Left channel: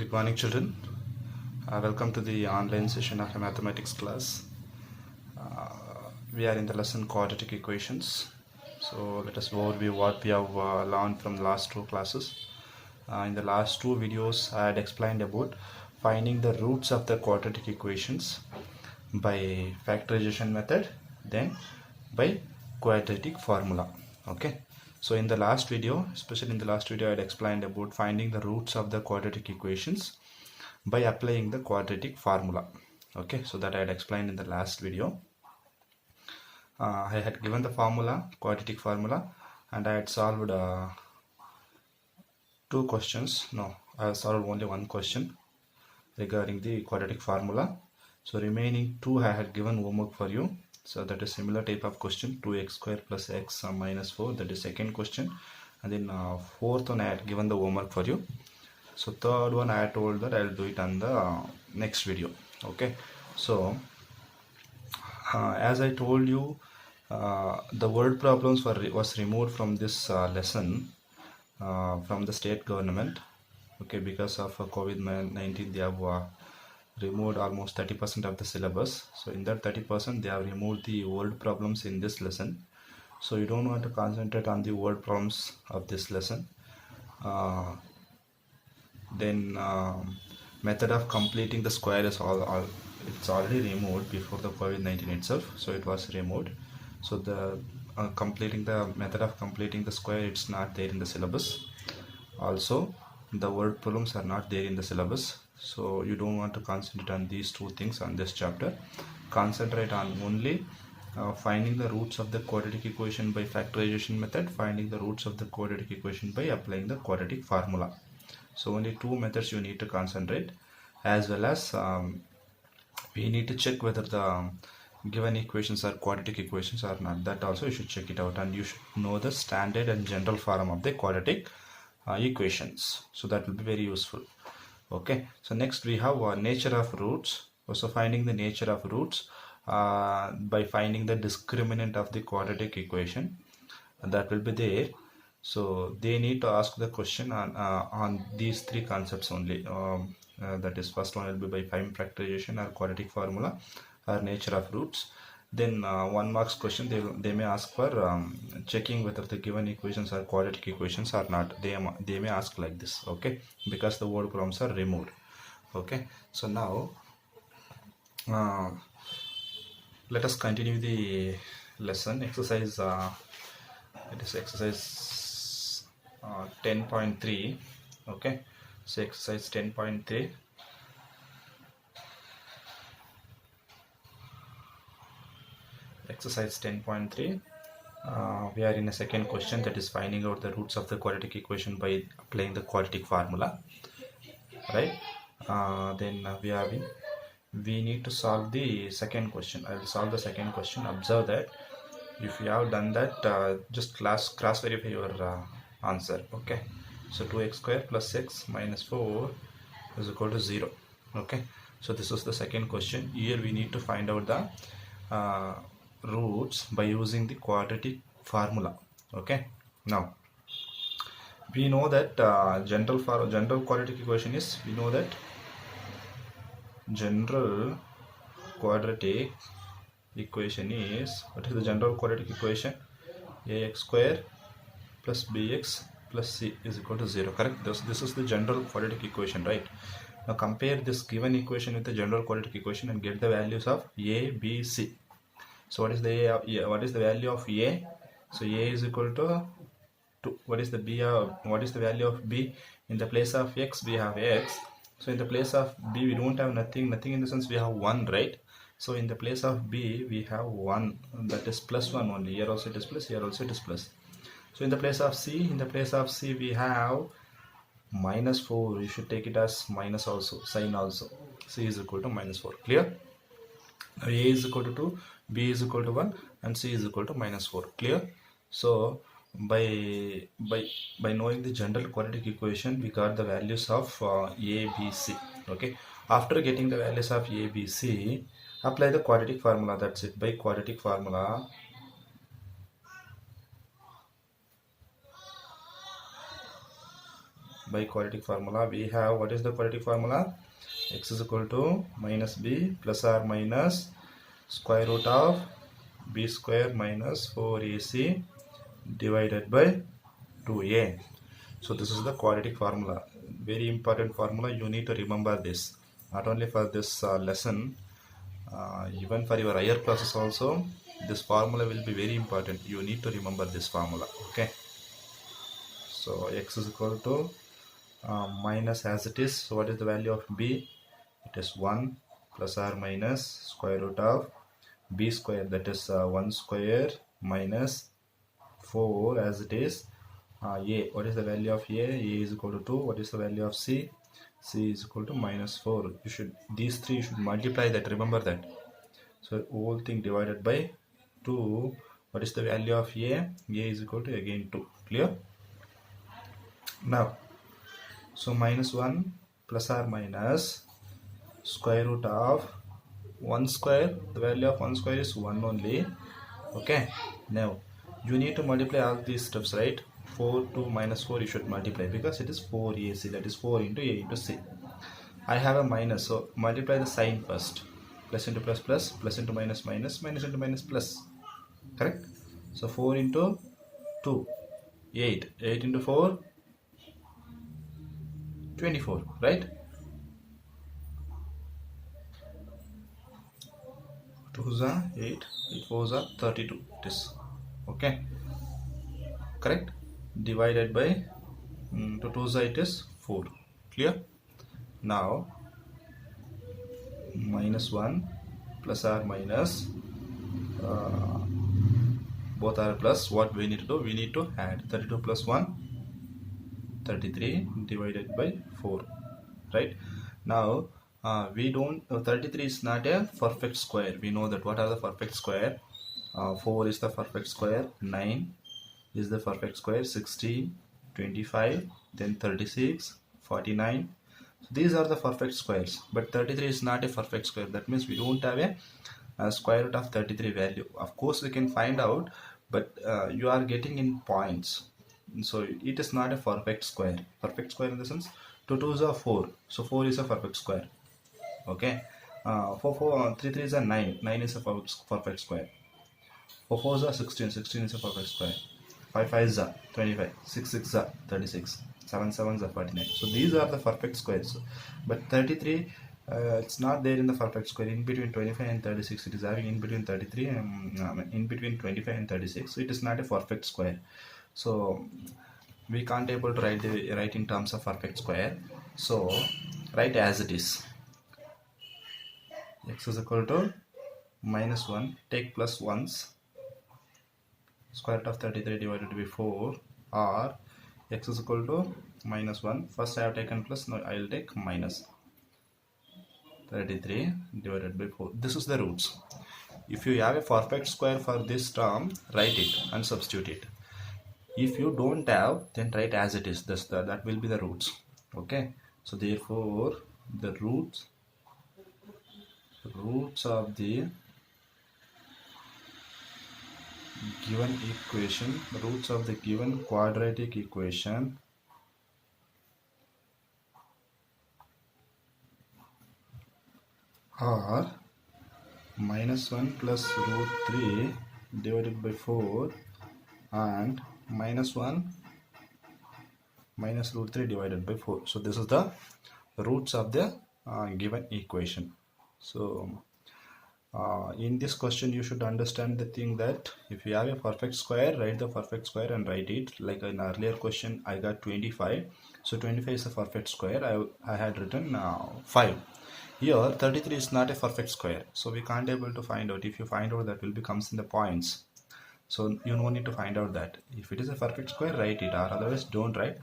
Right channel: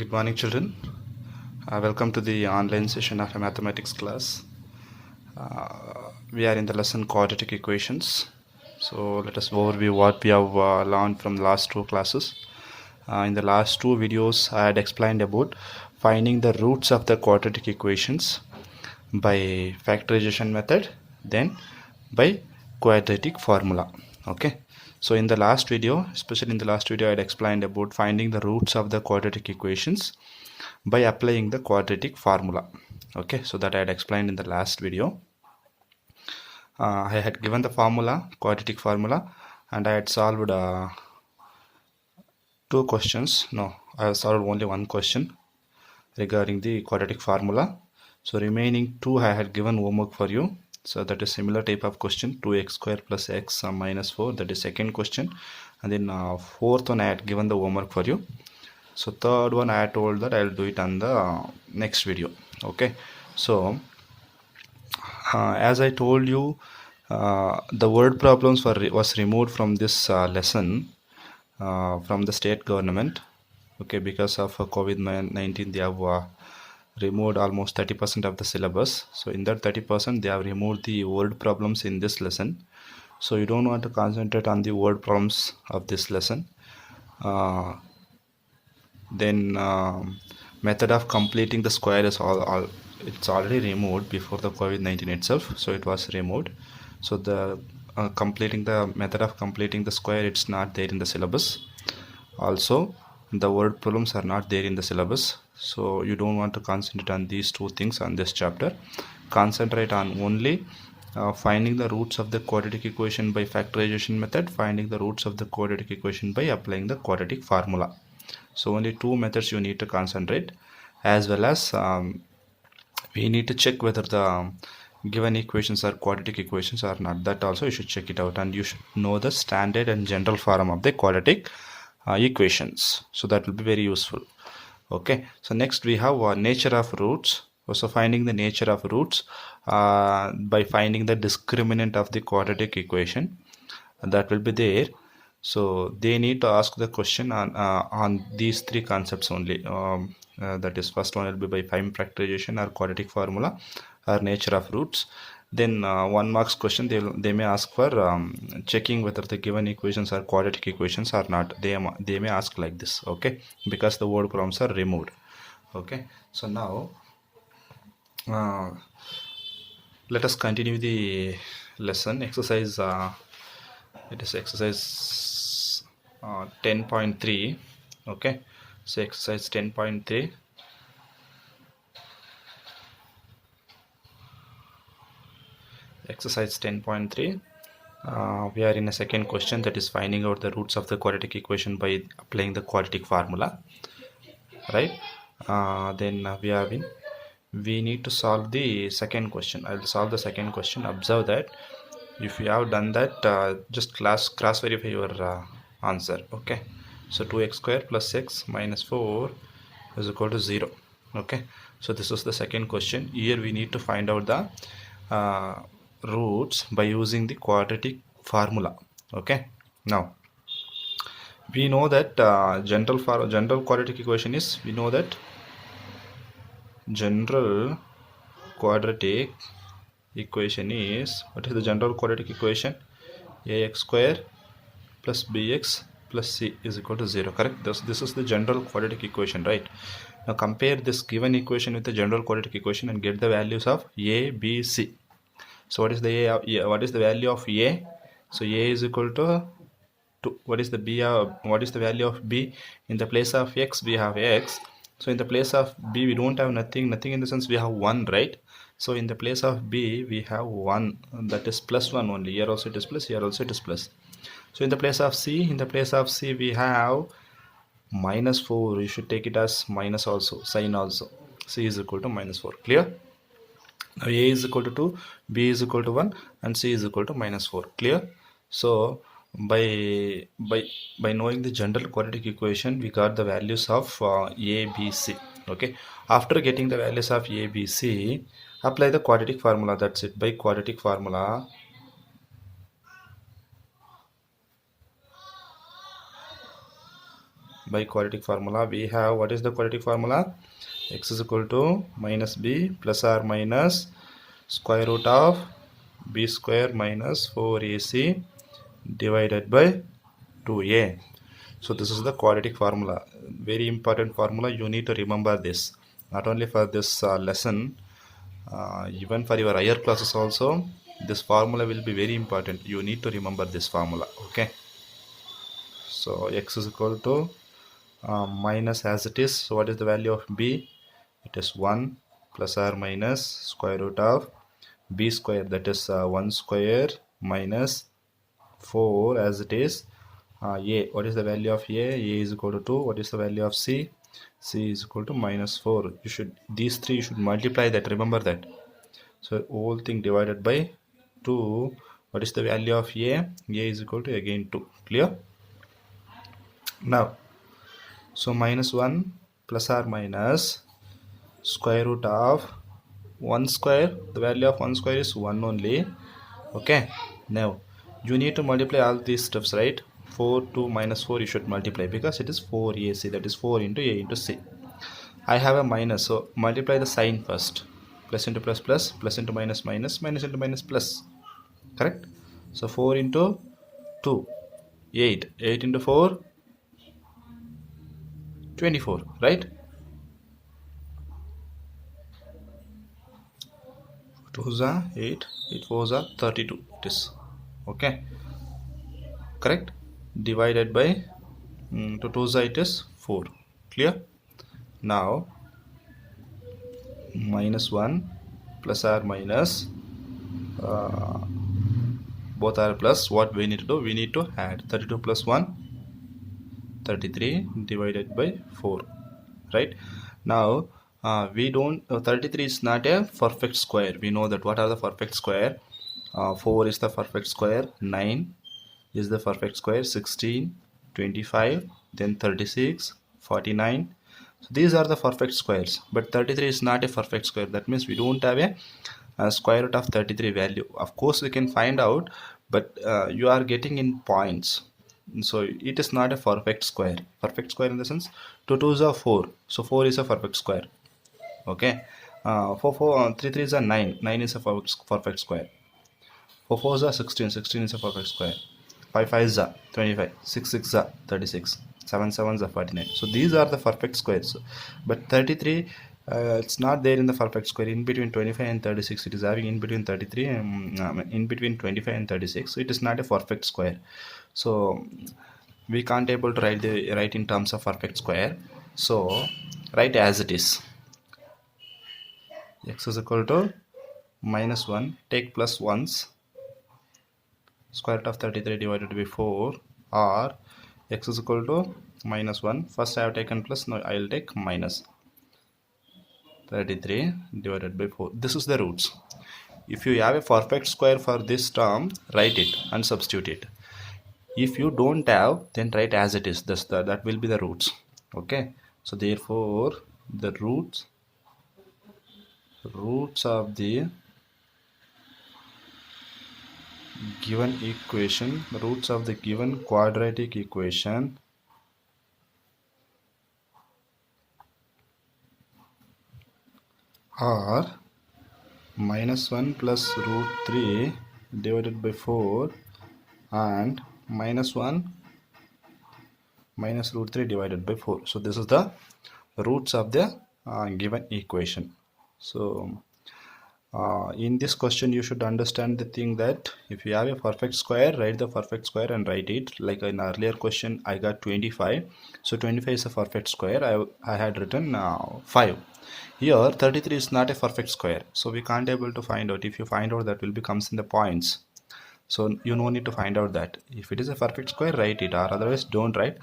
Good morning, children. Welcome to the online session of a mathematics class. We are in the lesson quadratic equations. So let us overview what we have learned from the last two classes. In the last two videos, I had explained about finding the roots of the quadratic equations by factorization method, then by quadratic formula. Okay. So in the last video, especially in the last video, I had explained about finding the roots of the quadratic equations by applying the quadratic formula. Okay, so that I had explained in the last video. I had given the formula, quadratic formula, and I had solved two questions. No, I have solved only one question regarding the quadratic formula. So remaining two I had given homework for you. So that is similar type of question, 2x square plus x minus 4, that is second question. And then fourth one I had given the homework for you. So third one I told that I'll do it on the next video. Okay, so as I told you, the word problems was removed from this lesson from the state government. Okay, because of COVID-19 they have removed almost 30% of the syllabus. So in that 30% they have removed the word problems in this lesson. So you don't want to concentrate on the word problems of this lesson. Then method of completing the square is all it's already removed before the COVID-19 itself, so it was removed. So the completing the method of completing the square, it's not there in the syllabus. Also the word problems are not there in the syllabus, so you don't want to concentrate on these two things on this chapter. Concentrate on only finding the roots of the quadratic equation by factorization method, finding the roots of the quadratic equation by applying the quadratic formula. So only two methods you need to concentrate, as well as we need to check whether the given equations are quadratic equations or not. That also you should check it out, and you should know the standard and general form of the quadratic equations. So that will be very useful. Okay, so next we have nature of roots. So finding the nature of roots by finding the discriminant of the quadratic equation, that will be there. So they need to ask the question on these three concepts only. That is, first one will be by prime factorization or quadratic formula or nature of roots. Then 1 marks question, they may ask for checking whether the given equations are quadratic equations or not. They may ask like this. Okay, because the word problems are removed. Okay, so now let us continue the lesson. Exercise it is exercise 10.3. okay, so exercise 10.3. exercise 10.3, we are in a second question, that is finding out the roots of the quadratic equation by applying the quadratic formula, right? Then we need to solve the second question. I will solve the second question. Observe that if you have done that, just cross verify your answer. Okay, so 2x square plus x minus 4 is equal to 0. Okay, so this is the second question. Here we need to find out the roots by using the quadratic formula. Okay, now we know that general quadratic equation is, we know that general quadratic equation is, what is the general quadratic equation? Ax square plus bx plus c is equal to 0. Correct? This is the general quadratic equation, right? Now compare this given equation with the general quadratic equation and get the values of a, b, c. So what is the what is the value of a? So a is equal to 2. What is the b? What is the value of b? In the place of x we have x. So in the place of b we don't have nothing in the sense we have 1, right? So in the place of b we have 1, that is plus 1 only. Here also it is plus, here also it is plus. So in the place of c, we have minus 4. You should take it as minus also, sign also. C is equal to minus 4. Clear? Now a is equal to 2, b is equal to 1, and c is equal to minus 4. Clear? So by knowing the general quadratic equation, we got the values of a, b, c. Okay, after getting the values of a, b, c, apply the quadratic formula. That's it. By quadratic formula, by quadratic formula, we have, what is the quadratic formula? X is equal to minus b plus or minus square root of b square minus 4ac divided by 2a. So this is the quadratic formula. Very important formula. You need to remember this. Not only for this lesson, even for your higher classes also, this formula will be very important. You need to remember this formula. Okay. So x is equal to minus as it is. So what is the value of b? It is 1 plus or minus square root of b square, that is 1 square minus 4 as it is. A, what is the value of a? A is equal to 2. What is the value of c? C is equal to minus 4. You should, these three you should multiply that, remember that. So whole thing divided by 2. What is the value of a? A is equal to again 2. Clear? Now, so minus 1 plus or minus square root of 1 square. The value of 1 square is 1 only. Okay. Now, you need to multiply all these steps, right? 4 to minus 4 you should multiply because it is 4ac, that is 4 into a into c. I have a minus, so multiply the sign first. Plus into plus plus, plus into minus minus, minus into minus plus. Correct? So 4 into 2, 8. 8 into 4, 24, right? 2s are 8, 8 4s are 32. It is okay. Correct? Divided by to 2s it is 4. Clear? Now minus 1 plus or minus uh, both are plus. What we need to do? We need to add 32 plus 1, 33 divided by 4, right? Now we don't 33 is not a perfect square. We know that. What are the perfect square? 4 is the perfect square, 9 is the perfect square, 16, 25, then 36, 49. So these are the perfect squares, but 33 is not a perfect square. That means we don't have a square root of 33 value. Of course we can find out, but you are getting in points, so it is not a perfect square. Perfect square in the sense 2 2s are 4, so 4 is a perfect square. Okay. 3 3s are 9, 9 is a perfect square. 4 4s are 16, 16 is a perfect square. 5 5s are 25, 6 6 are 36, 7 7s are 49. So these are the perfect squares, but 33 it's not there in the perfect square. In between 25 and 36 it is having in between 33 and in between 25 and 36, so it is not a perfect square. So we can't able to write in terms of perfect square, so write as it is. X is equal to minus 1, take plus 1's, square root of 33 divided by 4, or x is equal to minus 1. First I have taken plus, now I will take minus 33 divided by 4. This is the roots. If you have a perfect square for this term, write it and substitute it. If you don't have, then write as it is. That will be the roots. Okay. So therefore, the roots of the given equation, roots of the given quadratic equation are minus 1 plus root 3 divided by 4 and minus 1 minus root 3 divided by 4. So this is the roots of the given equation. So in this question you should understand the thing that if you have a perfect square, write the perfect square and write it. Like in earlier question I got 25, so 25 is a perfect square. I had written 5. Here 33 is not a perfect square, so we can't able to find out. If you find out, that will be comes in the points, so you no need to find out that. If it is a perfect square, write it, or otherwise don't write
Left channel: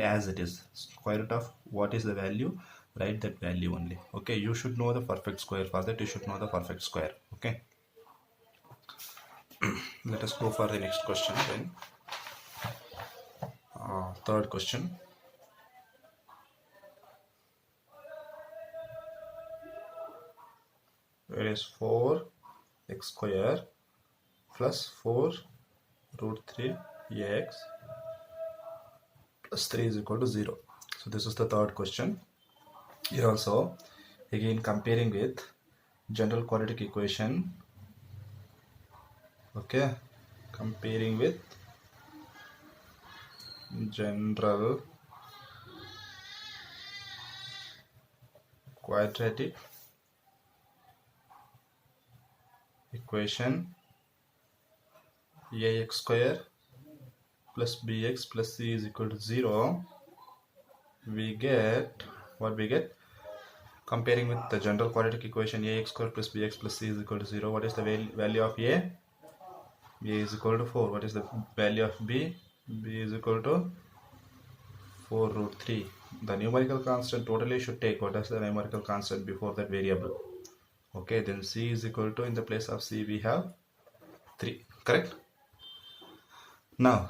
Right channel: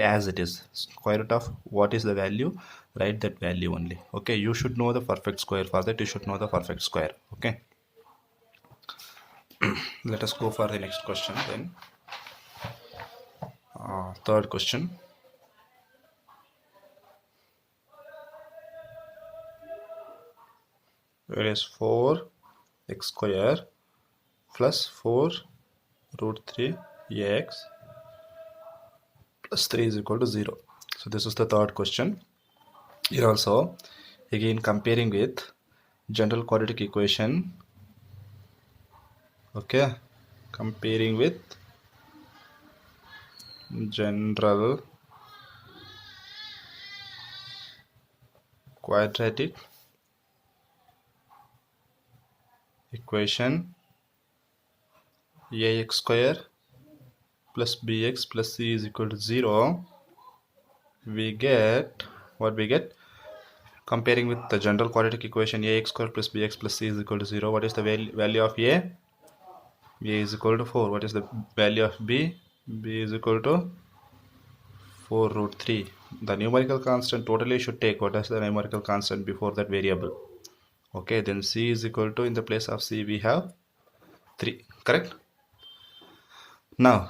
as it is. Square root of what is the value, write that value only. Okay, you should know the perfect square. For that you should know the perfect square. Okay. Let us go for the next question then. Third question. It is 4 x square plus 4 root 3 x plus 3 is equal to 0. So this is the third question. Here also, again comparing with general quadratic equation. Okay, comparing with general quadratic equation ax square plus bx plus c is equal to 0, we get what we get. Comparing with the general quadratic equation ax square plus bx plus c is equal to 0, what is the value of a? A is equal to 4. What is the value of b? B is equal to 4 root 3. The numerical constant totally should take what is the numerical constant before that variable. Okay, then c is equal to, in the place of c we have 3, correct? Now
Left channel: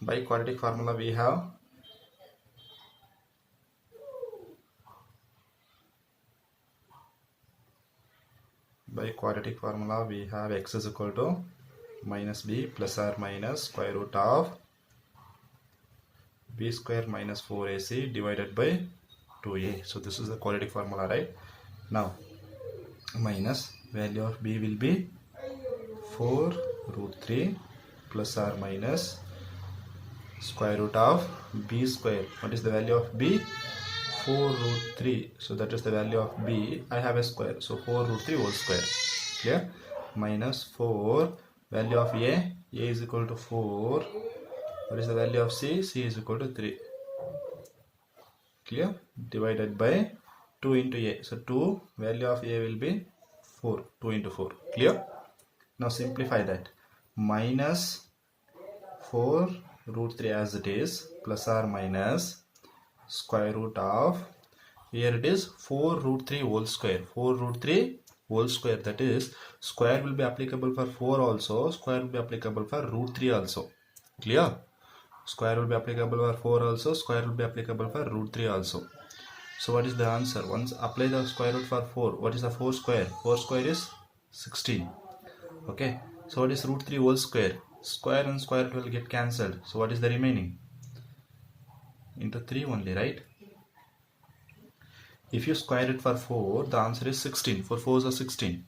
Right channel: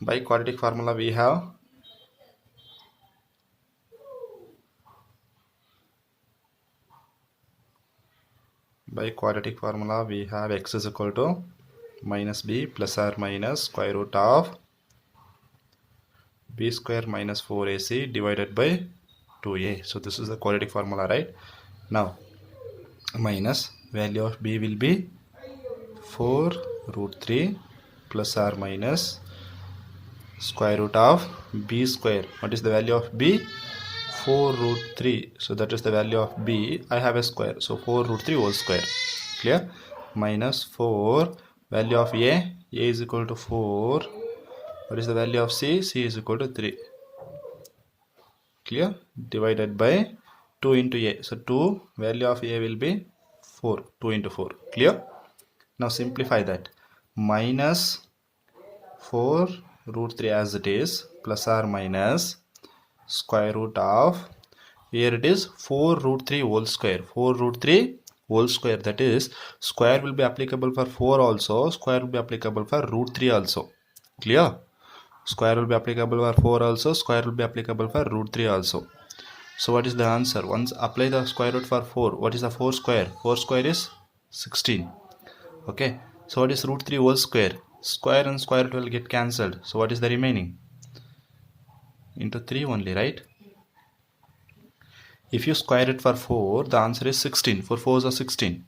by quadratic formula we have x is equal to minus b plus or minus square root of b square minus 4ac divided by 2a. So this is the quadratic formula, right? Now minus value of b will be 4 root 3 plus or minus square root of b square. What is the value of b? 4 root 3. So that is the value of b. I have a square, so 4 root 3 whole square. Clear? Minus 4 value of a is equal to 4. What is the value of c? C is equal to 3. Clear? Divided by 2 into a. So 2 value of a will be 4. 2 into 4. Clear? Now simplify that. Minus 4 root 3 as it is plus or minus square root of, here it is 4 root 3 whole square. 4 root 3 whole square, that is square will be applicable for 4 also, square will be applicable for root 3 also. Clear? Square will be applicable for 4 also, square will be applicable for root 3 also. So what is the answer? Once apply the square root for 4, what is the 4 square? 4 square is 16. Okay, so what is root 3 whole square? Square and square root will get cancelled. So what is the remaining? Into 3 only, right? If you square it for 4, the answer is 16. 4 4s are 16.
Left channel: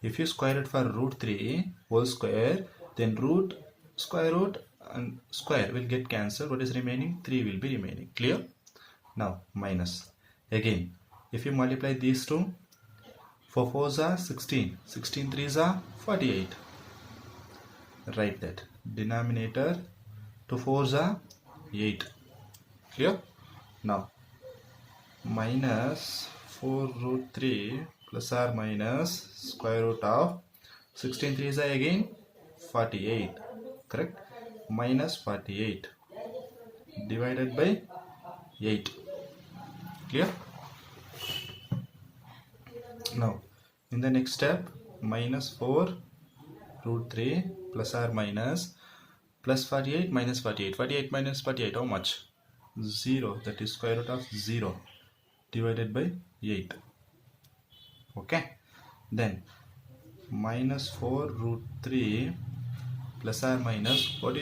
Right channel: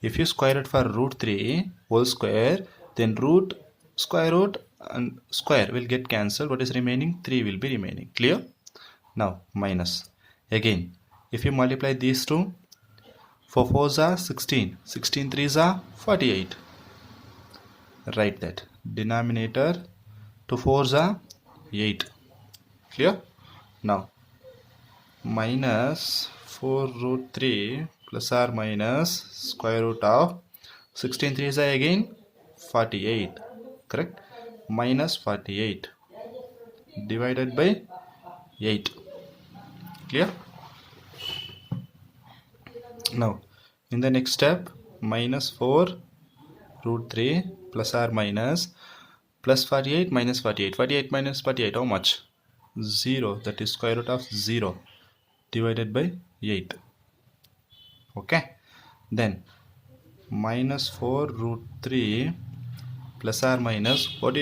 If you square it for root 3 whole square, then root, square root and square will get cancelled. What is remaining? 3 will be remaining. Clear? Now minus. Again, if you multiply these two, 4 4s are 16. 16 3s are 48. Write that. Denominator 2 4s are 8. Clear? Now minus 4 root 3 plus or minus square root of 16 3s are again 48. Correct? Minus 48 divided by 8. Clear? Now in the next step, minus 4 root 3 plus or minus plus 48 minus 48. 48 minus 48, how much? 0. That is square root of 0 divided by 8. Okay, then minus 4 root 3 plus or minus, what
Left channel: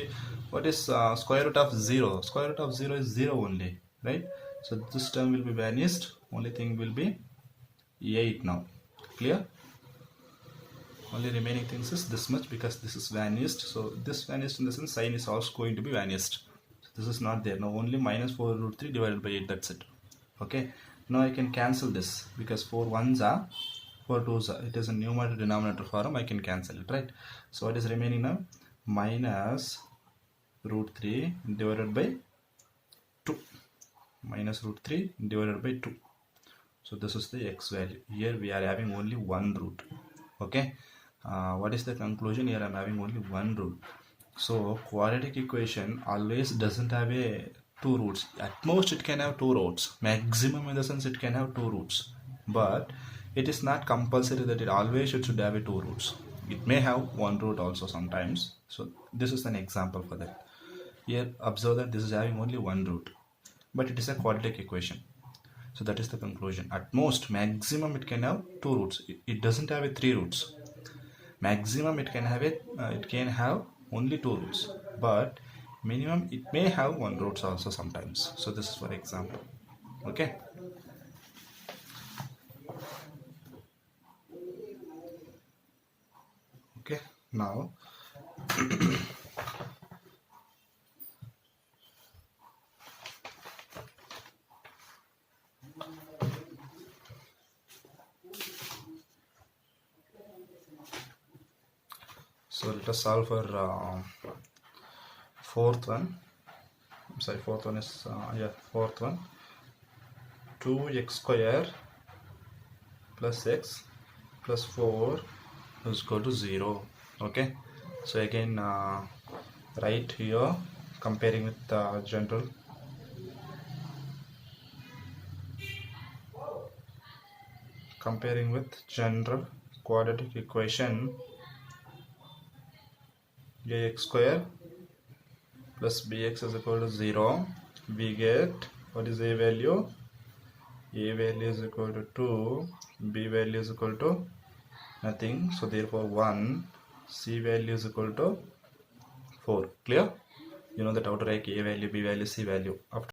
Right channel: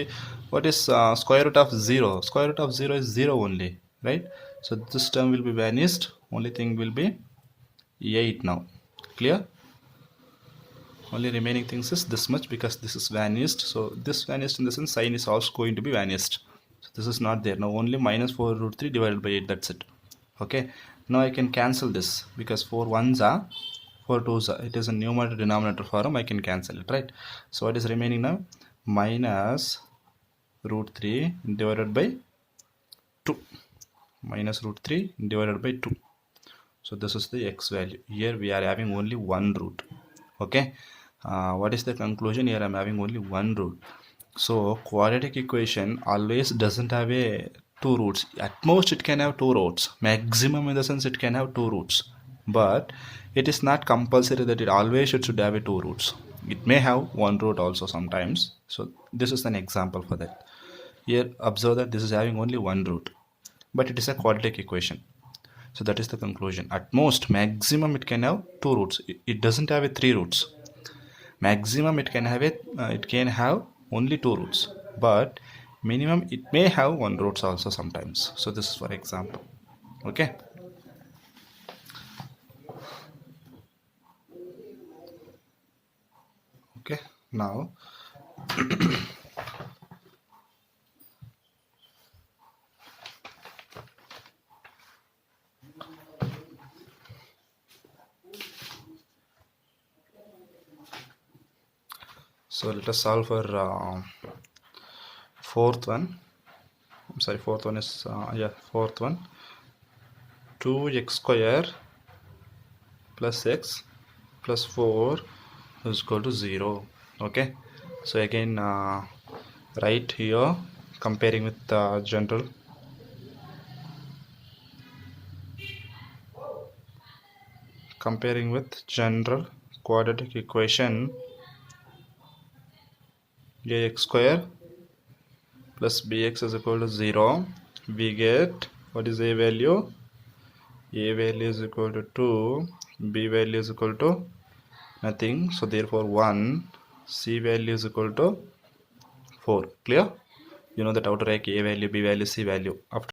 is square root of 0? Square root of 0 is 0 only, right? So this term will be vanished. Only thing will be 8 now. Clear? Only remaining things is this much, because this is vanished. So this vanished in the sense sign is also going to be vanished. So this is not there now. Only minus 4 root 3 divided by 8. That's it. Okay. Now I can cancel this, because 4 1s are 4 2s are. It is a numerator denominator form. I can cancel it, right? So what is remaining now? Minus root 3 divided by 2. Minus root 3 divided by 2. So this is the x value. Here we are having only one root. Okay. What is the conclusion? Here I am having only one root. So quadratic equation always doesn't have a two roots. At most it can have two roots. Maximum in the sense it can have two roots. But it is not compulsory that it always should have a two roots. It may have one root also sometimes. So this is an example for that. Here observe that this is having only one root. But it is a quadratic equation. So that is the conclusion. At most, maximum it can have two roots. It doesn't have a three roots. Maximum it can have only two roots. But minimum it may have one roots also sometimes. So this is for example. Okay. Okay, now so let us solve for fourth one. I'm sorry, fourth one is fourth one. 2x square plus x plus 4 is equal to 0. Okay, so again write here comparing with general. Comparing with general quadratic equation, ax square plus bx is equal to 0. We get, what is a value? A value is equal to 2, b value is equal to nothing, so therefore 1, c value is equal to 4. Clear? You know that how to write a value, b value, c value after